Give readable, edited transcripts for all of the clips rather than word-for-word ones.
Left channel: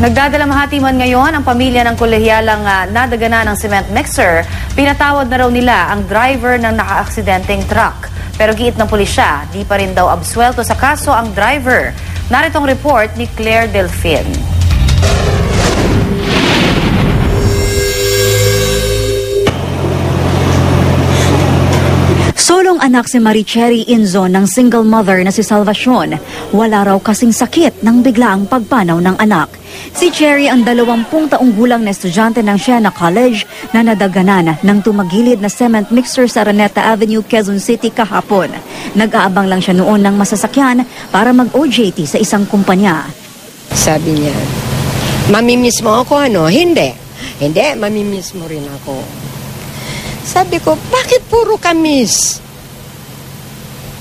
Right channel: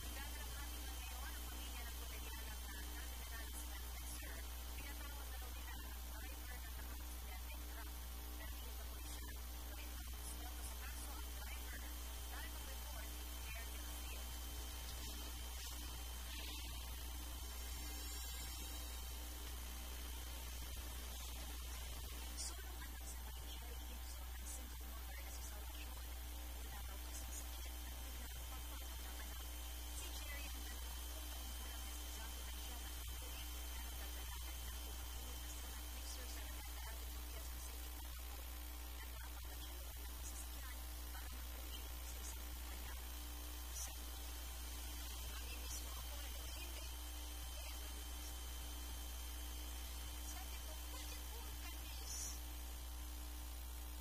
Nagdadalamhati man ngayon ang pamilya ng kolehiyalang nadagana ng cement mixer. Pinatawad na raw nila ang driver ng naka-aksidenteng truck. Pero giit ng pulisya, di pa rin daw absuelto sa kaso ang driver. Narito ang report ni Claire Delfin. Solong anak si Maricheri Inzon ng single mother na si Salvacion. Wala raw kasing sakit nang biglaang pagpanaw ng anak. Si Cherry ang 20 taong gulang na estudyante ng Siena College na nadaganan ng tumagilid na cement mixer sa Araneta Avenue, Quezon City kahapon. Nag-aabang lang siya noon ng masasakyan para mag-OJT sa isang kumpanya. Sabi niya, mamimiss mo ako ano? Hindi, mamimiss mo rin ako. Sabi ko, bakit puro kamis?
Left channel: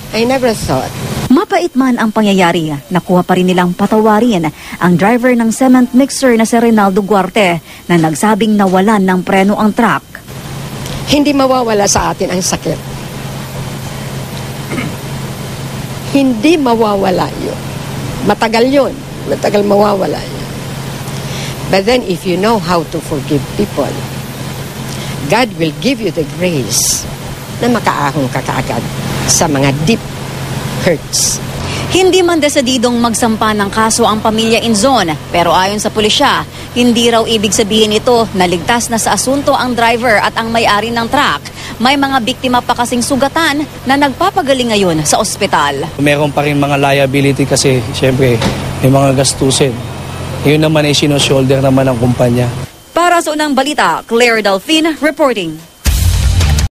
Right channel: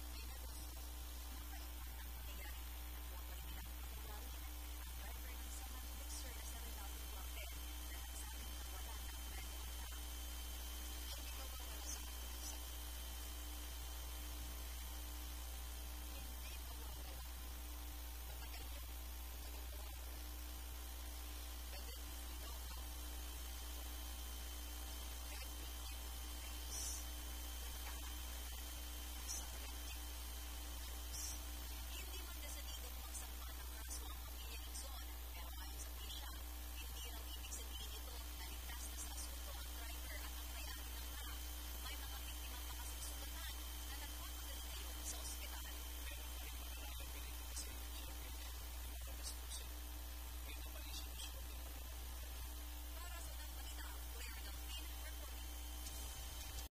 I never thought. Mapait man ang pangyayari, nakuha pa rin nilang patawarin ang driver ng cement mixer na si Reynaldo Guarte na nagsabing nawalan ng preno ang truck. Hindi mawawala sa atin ang sakit. Hindi mawawala yun. Matagal yun. Matagal mawawala yun. But then if you know how to forgive people, God will give you the grace na makaahon ka kaagad sa mga deep hurts. Hindi man desididong magsampa ng kaso ang pamilya Inzon, pero ayon sa pulisya, hindi raw ibig sabihin ito na ligtas na sa asunto ang driver at ang may-ari ng truck. May mga biktima pa kasing sugatan na nagpapagaling ngayon sa ospital. Meron pa rin mga liability kasi siyempre may mga gastusin. Yun naman ay sinoshoulder naman ng kumpanya. Para sa unang balita, Claire Delfin reporting.